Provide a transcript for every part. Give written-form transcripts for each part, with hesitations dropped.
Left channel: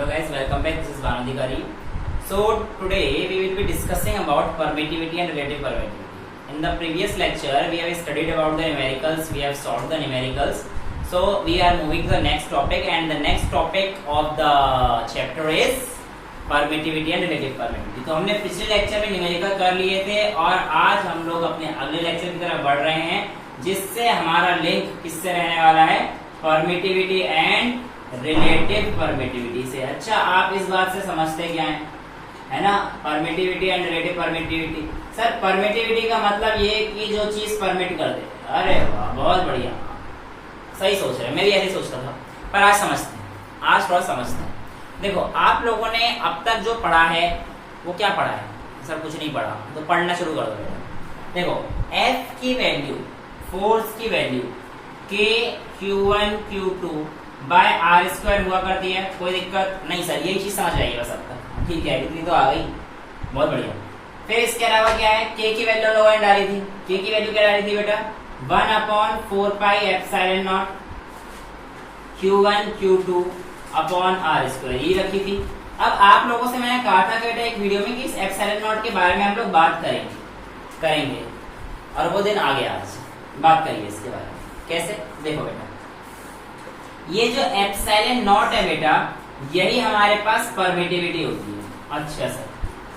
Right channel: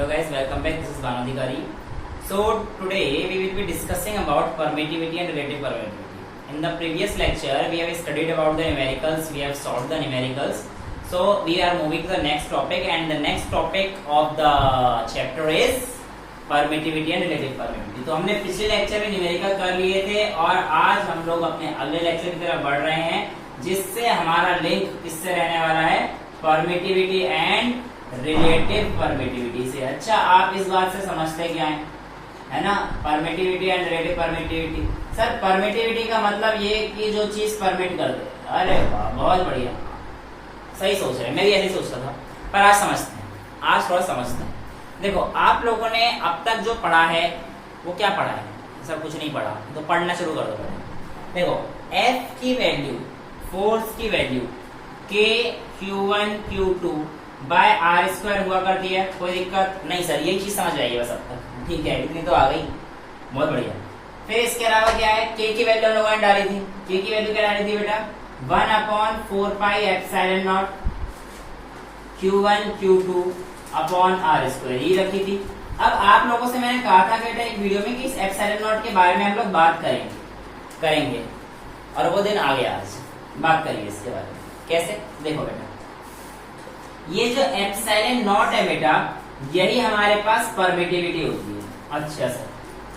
Hello guys, welcome back. This is Vanadhikari. So today we will be discussing about permittivity and relative permittivity. In the previous lecture we have studied about the numericals, we have solved the numericals. So we are moving to the next topic and the next topic of the chapter is permittivity and relative permittivity. तो हमने पिछले lecture में numerical कर लिए थे और आज हम लोग अपने अगले लेक्चर की तरफ बढ़ रहे हैं जिससे हमारा लिंक किससे रहने वाला है, परमिटिविटी एंड रिलेटिव परमिटिविटी से। अच्छा, आप इस बात से समझते क्या है ना, permittivity and relative permittivity. Sir permittivity का मतलब ये कि जो चीज परमिट कर दे। अरे वाह, बहुत बढ़िया, सही सोच रहे, मैं भी ऐसे ही सोचता था, पर आज समझते हैं, आज थोड़ा समझते हैं। देखो, आप लोगों ने अब तक जो पढ़ा है वो क्या पढ़ा है? सर कुछ नहीं पढ़ा, तो पढ़ना शुरू कर दो बेटा। देखो, F की वैल्यू, फोर्स की value K Q1 Q2 by R square हुआ करती है, कोई दिक्कत नहीं सर, यही चीज समझ जाएगी बस अब तक। ठीक है, इतनी तो आ गई, बहुत बढ़िया। फिर इसके अलावा क्या है, K की वैल्यू हम लोगों ने डाली थी, K की वैल्यू क्या डाली थी बेटा, 1/4 pi epsilon not Q1 Q2 upon R square, ये रखी थी। अब आप लोगों से मैंने कहा था बेटा एक वीडियो में कि इस एप्सिलॉन नॉट के बारे में हम लोग बात करेंगे और वो दिन आ गया, आज बात करिए इसके बारे में। कैसे? देखो बेटा, ये जो एप्सिलॉन नॉट है बेटा, यही हमारे पास परमिटिविटी होती है। अच्छा सर,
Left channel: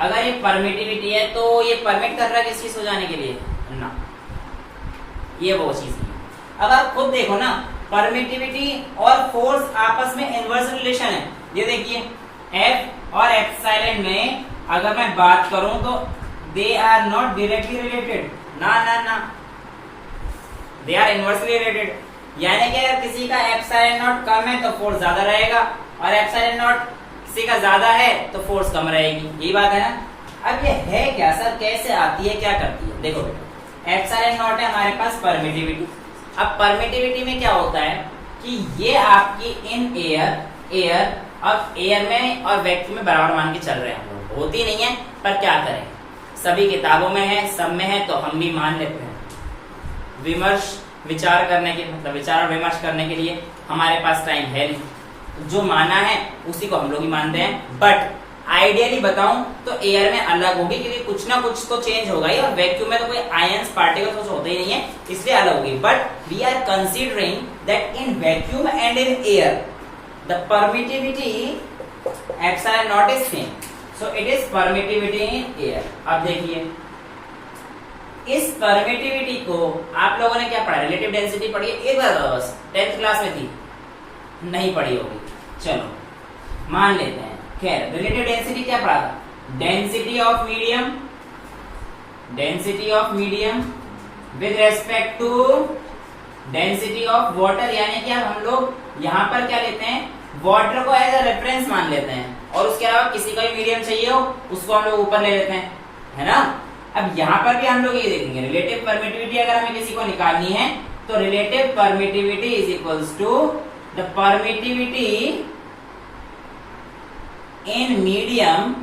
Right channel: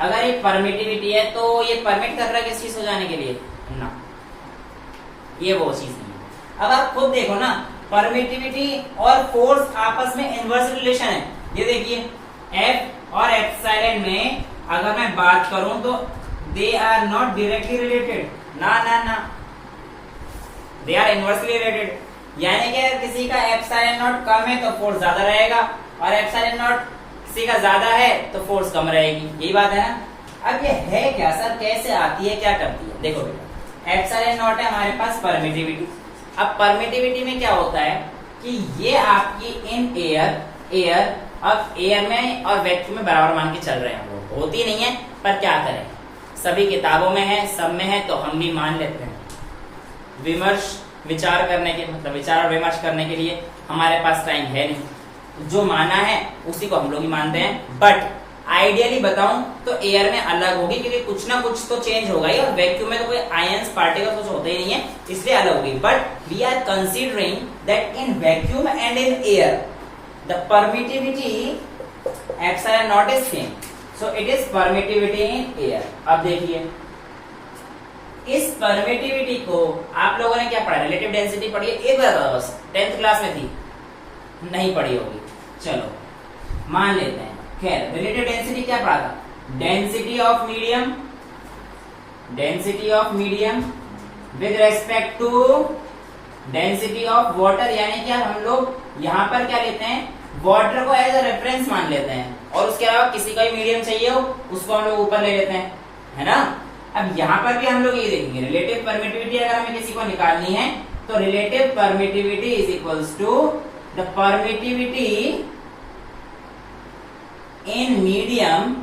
अगर ये परमिटिविटी है तो ये परमिट कर रहा है किस चीज हो जाने के लिए ना, ये वो चीज नहीं। अगर खुद देखो ना, परमिटिविटी और फोर्स आपस में इनवर्स रिलेशन है। ये देखिए, एफ और एप्सिलॉन में अगर मैं बात करूं तो they are not directly related, ना दे आर इनवर्सली रिलेटेड। यानी कि अगर किसी का एप्सिलॉन नॉट कम है तो फोर्स ज्यादा रहेगा और एप्सिलॉन नॉट किसी का ज्यादा है तो फोर्स कम रहेगी, यही बात है ना। अब ये है क्या सर, कैसे आती है, क्या करती है? देखो बेटा, एप्सिलॉन नॉट है हमारे पास परमिटिविटी। अब परमिटिविटी में क्या होता है कि ये आपकी इन एयर अब एयर में और वैक्यूम में बराबर मान के चल रहे हैं हम लोग, होती नहीं है पर क्या करें, सभी किताबों में है, सब में है, तो हम भी मान लेते हैं। विचार करने के मतलब विचार और विमर्श करने के लिए हमारे पास टाइम है नहीं, तो जो माना है उसी को हम लोग ही मानते हैं। बट आइडियली बताऊं तो एयर में अलग होगी, क्योंकि कुछ ना कुछ तो चेंज होगा ही, और वैक्यूम में तो कोई आयंस पार्टिकल्स कुछ होते ही नहीं है, इसलिए अलग होगी। But we are considering that in vacuum and in air the permittivity epsilon not is same, so it is permittivity in air. अब देखिए, इस परमिटिविटी को आप लोगों ने क्या पढ़ा, रिलेटिव डेंसिटी पढ़ी है, एक बार बस 10th क्लास में थी, नहीं पढ़ी होगी, चलो मान लेते हैं। खैर, रिलेटिव डेंसिटी क्या पढ़ा था, density of medium with respect to density of water. यानी कि हम लोग यहाँ पर क्या लेते हैं, वाटर को एज अ रेफरेंस मान लेते हैं, और उसके अलावा किसी का भी मीडियम चाहिए हो उसको हम लोग ऊपर ले लेते हैं, है ना। अब यहाँ पर भी हम लोग ये देखेंगे, रिलेटिव परमिटिविटी अगर हमें किसी को निकालनी है तो relative permittivity is equals to the permittivity in medium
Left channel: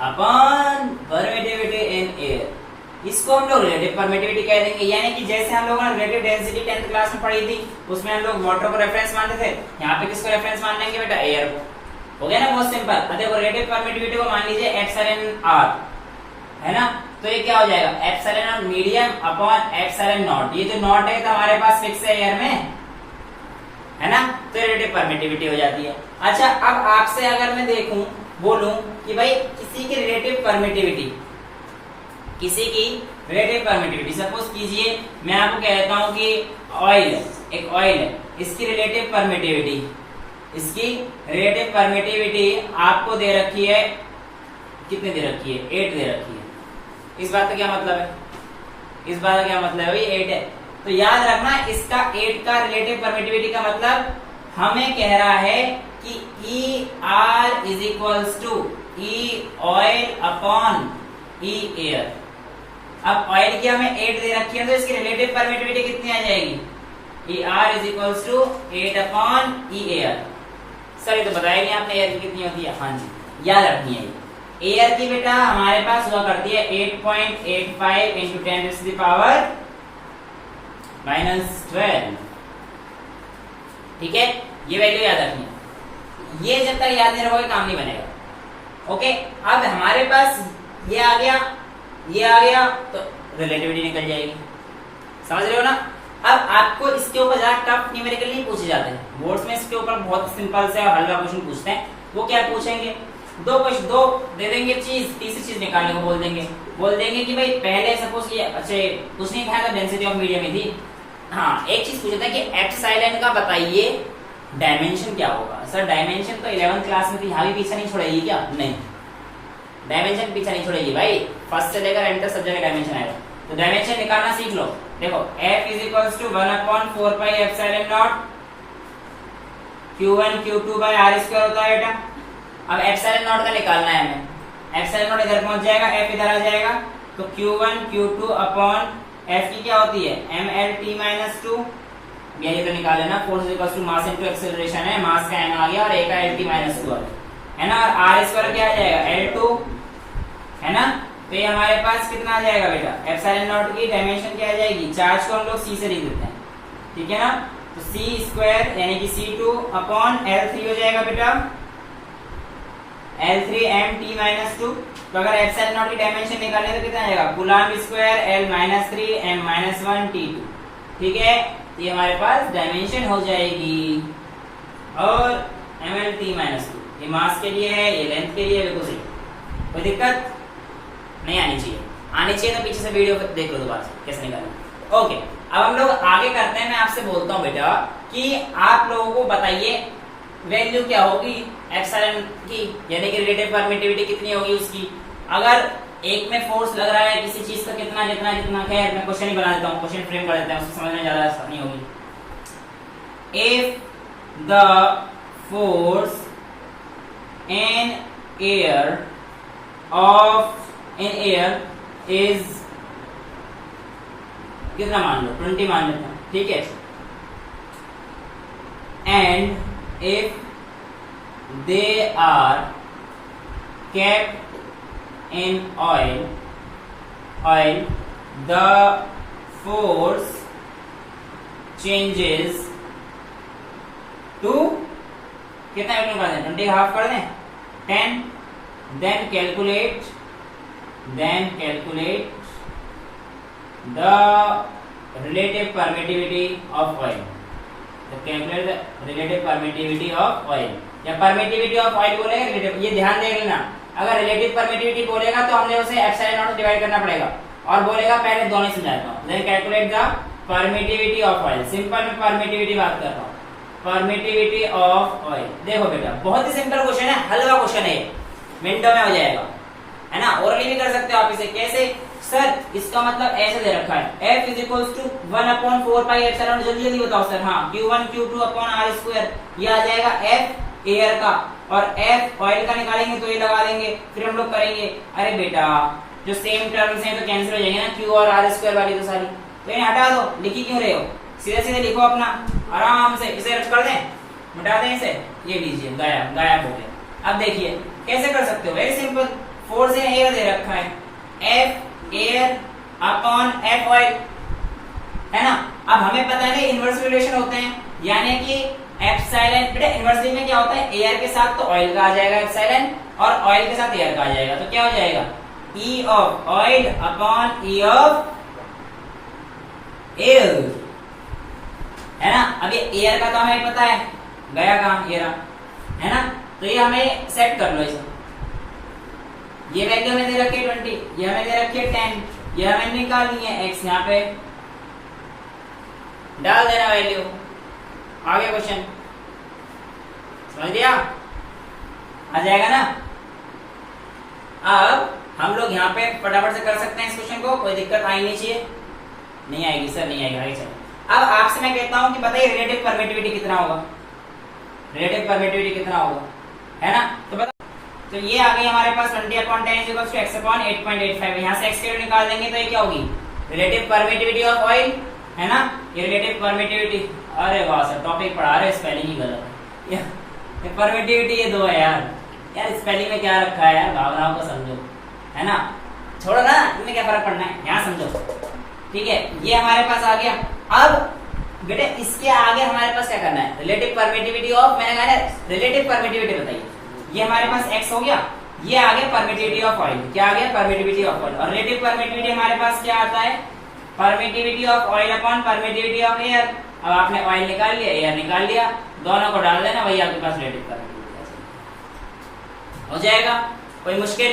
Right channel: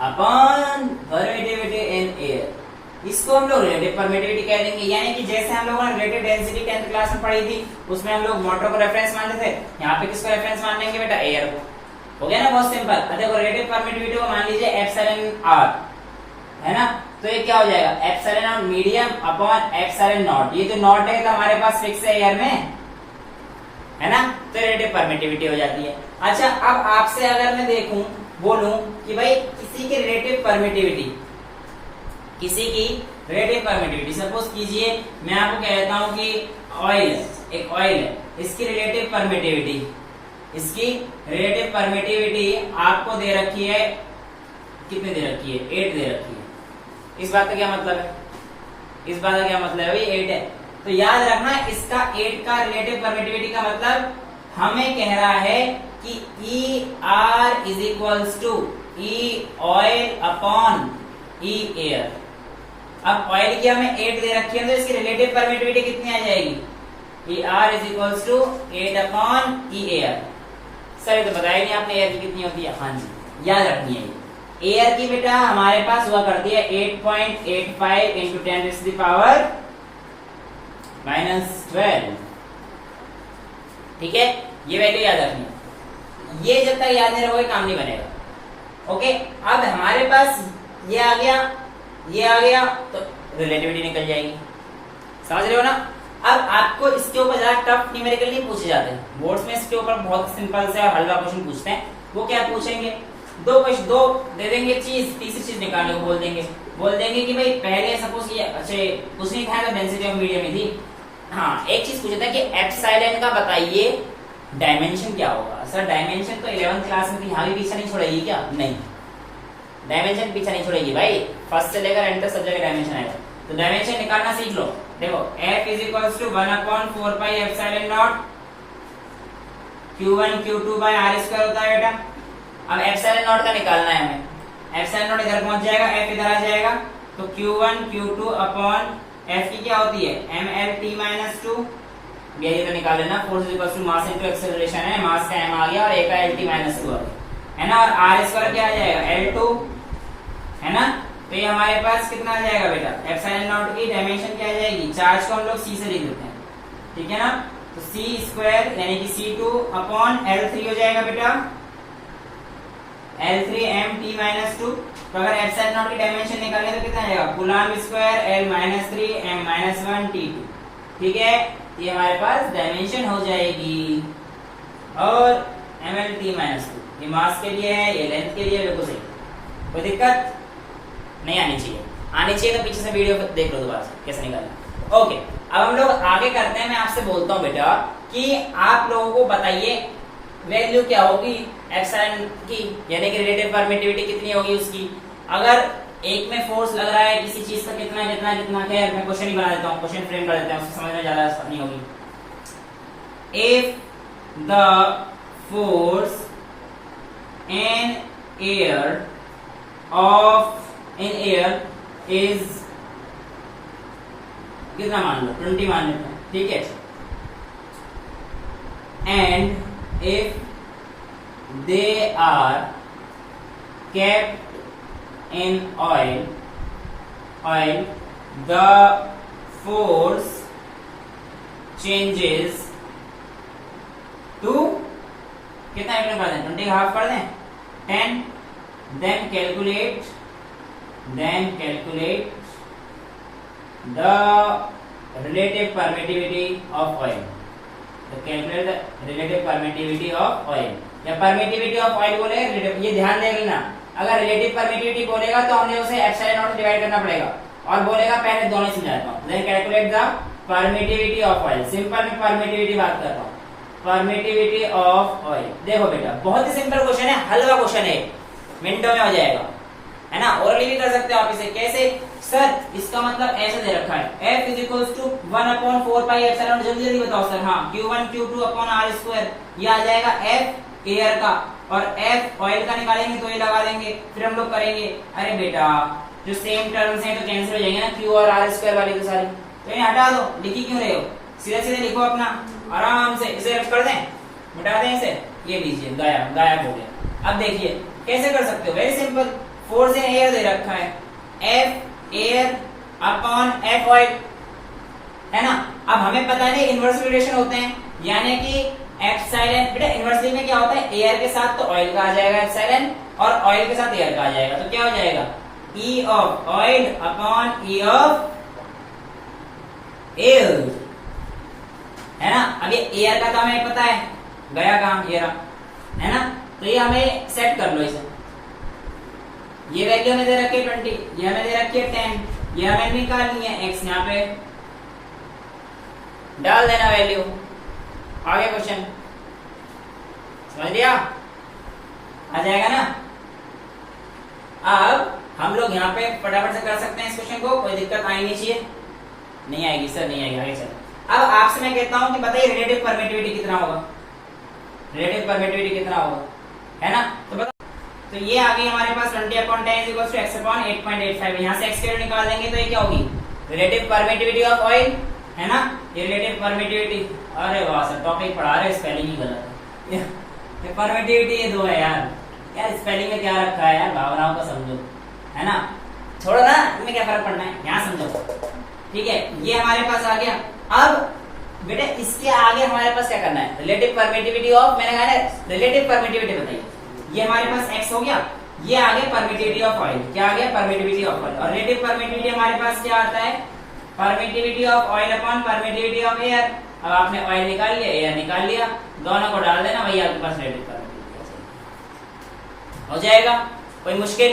upon permittivity in air. इसको हम लोग रिलेटिव परमिटिविटी कह देंगे। यानी कि जैसे हम लोगों ने रिलेटिव डेंसिटी 10th क्लास में पढ़ी थी, उसमें हम लोग वाटर को रेफरेंस मानते थे, यहाँ पे किसको रेफरेंस मान लेंगे बेटा, एयर को। हो गया ना, बहुत सिंपल। देखो, रिलेटिव परमिटिविटी को मान लीजिए एप्सिलॉन आर, है ना, तो ये क्या हो जाएगा, epsilon not medium upon epsilon not. ये जो नॉट है तो हमारे पास फिक्स है एयर में, है ना, तो रिलेटिव परमिटिविटी हो जाती है। अच्छा, अब आपसे अगर मैं बोलूं कि भाई किसी की रिलेटिव परमिटिविटी सपोज कीजिए, मैं आपको कह देता हूं कि एक ऑयल है, इसकी रिलेटिव परमिटिविटी आपको दे रखी है, कितने दे रखी है, 8 दे रखी है। इस बात का क्या मतलब है, इस बात का क्या मतलब है भाई, 8 है, तो याद रखना इसका 8 का रिलेटिव परमिटिविटी का मतलब हमें कह रहा है कि E R is equals to E oil upon E air. अब ऑयल की हमें 8 दे रखी है, तो इसकी रिलेटिव परमिटिविटी कितनी आ जाएगी, E R is equals to 8 upon E air. Sir ये तो बताया नहीं आपने, एयर की कितनी होती है? हाँ जी, याद रखनी है। एयर की बेटा हमारे पास हुआ करती है 8.85 इंटू 10⁻⁻⁻12 ठीक है, ये वैल्यू याद रखनी है। ये जब तक याद नहीं रखोगे काम नहीं बनेगा। ओके, अब हमारे पास ये आ गया, ये आ गया, तो रिलेटिविटी निकल जाएगी। समझ रहे हो ना। अब आपको इसके ऊपर ज्यादा टफ न्यूमेरिकल नहीं पूछे जाते हैं बोर्ड्स में, इसके ऊपर बहुत सिंपल से हल्का क्वेश्चन पूछते हैं। वो क्या पूछेंगे, दो दे देंगे चीज, तीसरी चीज निकालने को बोल देंगे कि भाई पहले सपोज ये अच्छे कुछ नहीं था, डेंसिटी ऑफ मीडियम में थी। हाँ, एक चीज पूछता है कि एप्सिलॉन का बताइए डायमेंशन क्या होगा। सर डायमेंशन तो 11th क्लास में थी, यहाँ भी पीछे नहीं छोड़ेगी क्या? नहीं, डायमेंशन पीछे नहीं छोड़ेगी भाई, फर्स्ट से लेकर एंड तक सब जगह डायमेंशन आएगा। तो डायमेंशन निकालना सीख लो। देखो F is equals to 1/4 pi epsilon not Q1 Q2 by R square होता है बेटा। अब एप्सिलॉन नॉट का निकालना है हमें। एप्सिलॉन नॉट इधर पहुंच जाएगा, F इधर आ जाएगा, तो Q1 Q2 अपॉन F की क्या होती है mLt-2। ये तो निकाल लेना, force is equals to mass into acceleration है, मास का m आ गया और a का Lt-2 है ना, और R स्क्वायर क्या आ जाएगा L2 है ना। तो ये हमारे पास कितना आ जाएगा बेटा, एप्सिलॉन नॉट की डायमेंशन क्या आ जाएगी, चार्ज को हम लोग C से लिख देते हैं, ठीक है ना। तो C स्क्वायर यानी कि C2 अपॉन L3 हो जाएगा बेटा L3 mt-2। तो अगर एप्सिलॉन नॉट की डायमेंशन निकालें तो कितना आ जाएगा, coulomb square L-3 m-1 T2, ठीक है। ये हमारे पास डायमेंशन हो जाएगी। और mLt-2 ये मास के लिए है, ये लेंथ के लिए, बिल्कुल सही, कोई दिक्कत नहीं आनी चाहिए। आनी चाहिए तो पीछे से वीडियो देख लो दोबारा से कैसे निकालना। ओके, अब हम लोग आगे करते हैं। मैं आपसे बोलता हूँ बेटा कि आप लोगों को बताइए वैल्यू क्या होगी एप्सिलॉन की, यानी कि रिलेटिव परमिटिविटी कितनी होगी उसकी। अगर एक में फोर्स लग रहा है किसी चीज का कितना कितना कितना, खैर मैं क्वेश्चन ही बना देता हूँ, क्वेश्चन फ्रेम कर देता हूँ, उसको समझ में ज्यादा आसानी होगी। If the force in air is कितना मान लो, 20 मान लेते हैं, ठीक है। And if they are kept in oil the force changes to कितना मीटर कर दें, 20 हाफ कर दें 10। then calculate the relative permittivity of oil। तो calculate the relative permittivity of oil, या परमिटिविटी ऑफ ऑयल बोलेगा, ये ध्यान दे लेना। अगर रिलेटिव परमिटिविटी बोलेगा तो हमने उसे एप्सिलॉन नॉट से डिवाइड करना पड़ेगा, और बोलेगा पहले दोनों समझाता हूं। Then calculate the permittivity of oil, simple में परमिटिविटी बात कर रहा हूं, परमिटिविटी ऑफ ऑयल। देखो बेटा बहुत ही सिंपल क्वेश्चन है, हल्का क्वेश्चन है, मिनटों में हो जाएगा, है ना। ओरली भी कर सकते हो आप इसे। कैसे सर, इसका मतलब ऐसे दे रखा है F is equals to 1/4 pi epsilon, जल्दी जल्दी बताओ सर। हाँ, Q1 Q2 upon R square, ये आ जाएगा F एयर का, और F ऑयल का निकालेंगे तो ये लगा देंगे, फिर हम लोग करेंगे। अरे बेटा जो सेम टर्म्स हैं तो कैंसिल हो जाएंगे ना, Q और R स्क्वायर वाली तो सारी, तो इन्हें हटा दो, लिखी क्यों रहे हो, सीधे सीधे लिखो अपना आराम से। इसे रख कर दें, मिटा दें इसे, ये लीजिए गायब हो गया। अब देखिए कैसे कर सकते हो, very simple. Force in air दे रखा है, F air upon F oil, है ना। अब हमें पता है इनवर्स रिलेशन होते हैं, यानी कि एप्सिलॉन, बेटा इनवर्सली में क्या होता है, एयर के साथ तो ऑयल का आ जाएगा एप्सिलॉन, और ऑयल के साथ एयर का आ जाएगा, तो क्या हो जाएगा E of oil upon E of air, है ना। अब ये एयर का तो हमें पता है, गया काम एयर, है ना। तो ये हमें सेट कर लो इसे। ये वैल्यू हमें दे रखी है 20, ये हमें दे रखी है 10, ये हमें निकालनी है x, यहाँ पे डाल देना वैल्यू, आगे क्वेश्चन समझ लिया, आ जाएगा ना। अब हम लोग यहाँ पे फटाफट से कर सकते हैं इस क्वेश्चन को, कोई दिक्कत आनी नहीं चाहिए। नहीं आएगी सर, नहीं आएगी, आगे चलो। अब आपसे मैं कहता हूं कि बताइए रिलेटिव परमिटिविटी कितना होगा, रिलेटिव परमिटिविटी कितना होगा, है ना। तो बताओ, तो ये आ गई हमारे पास 20/10 इक्वल्स टू x/8.85। यहाँ से x की वैल्यू निकाल देंगे तो ये क्या होगी, रिलेटिव परमिटिविटी ऑफ ऑयल, है ना। ये रिलेटिव परमिटिविटी, अरे वाह सर टॉपिक पढ़ा रहे, स्पेलिंग ही गलत है। ये परमिटिविटी ये दो है यार स्पेलिंग में क्या रखा है यार, भावनाओं को समझो, है ना। छोड़ो ना, इनमें क्या फर्क पड़ना है, यहाँ समझो, ठीक है। ये हमारे पास आ गया। अब बेटे इसके आगे हमारे पास क्या करना है, रिलेटिव परमिटिविटी ऑफ, मैंने कहा ना रिलेटिव परमिटिविटी बताइए, ये हमारे पास x हो गया, ये आगे परमिटिविटी ऑफ ऑयल, क्या आ गया परमिटिविटी ऑफ ऑयल, और रिलेटिव परमिटिविटी हमारे पास क्या आता है, permittivity of oil upon permittivity of air. अब आपने ऑयल निकाल लिया, एयर निकाल लिया, दोनों को डाल देना, वही आपके पास रिलेटिव परमिटिविटी हो जाएगा। कोई मुश्किल?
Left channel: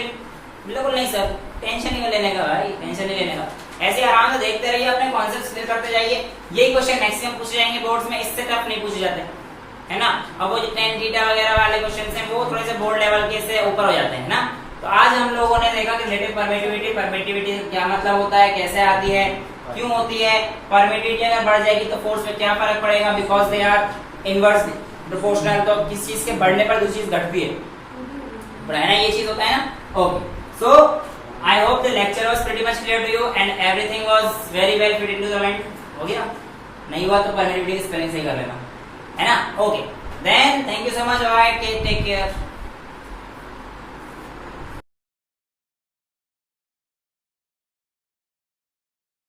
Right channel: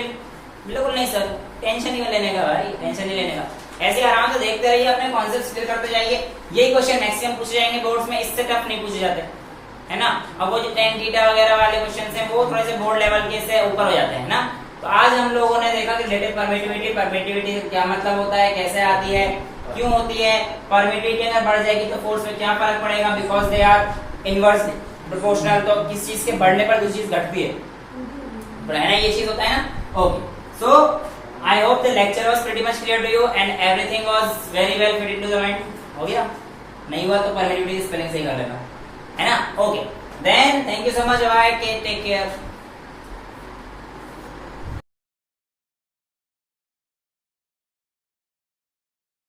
बिल्कुल नहीं सर, टेंशन नहीं लेने का भाई, टेंशन नहीं लेने का, ऐसे आराम से देखते रहिए, अपने कॉन्सेप्ट क्लियर करते जाइए। यही क्वेश्चन मैक्सिमम पूछे जाएंगे बोर्ड्स में, इससे टफ नहीं पूछे जाते, है ना। अब वो जो टेन थीटा वगैरह वाले क्वेश्चन हैं वो थोड़े से बोर्ड लेवल के से ऊपर हो जाते हैं ना। तो आज हम लोगों ने देखा कि रिलेटिव परमिटिविटी, परमिटिविटी क्या मतलब होता है, कैसे आती है, क्यों होती है, परमिटिविटी अगर बढ़ जाएगी तो फोर्स में क्या फर्क पड़ेगा, because they are inverse proportional, तो किस चीज के बढ़ने पर दूसरी चीज घटती है, है ना, ये चीज होता है ना। Okay, so I hope the lecture was pretty much clear to you and everything was very well fit into the mind. हो गया? नहीं हुआ तो परमिटिविटी स्पेलिंग सही कर लेना, है ना। Okay then, thank you so much, bye, take care.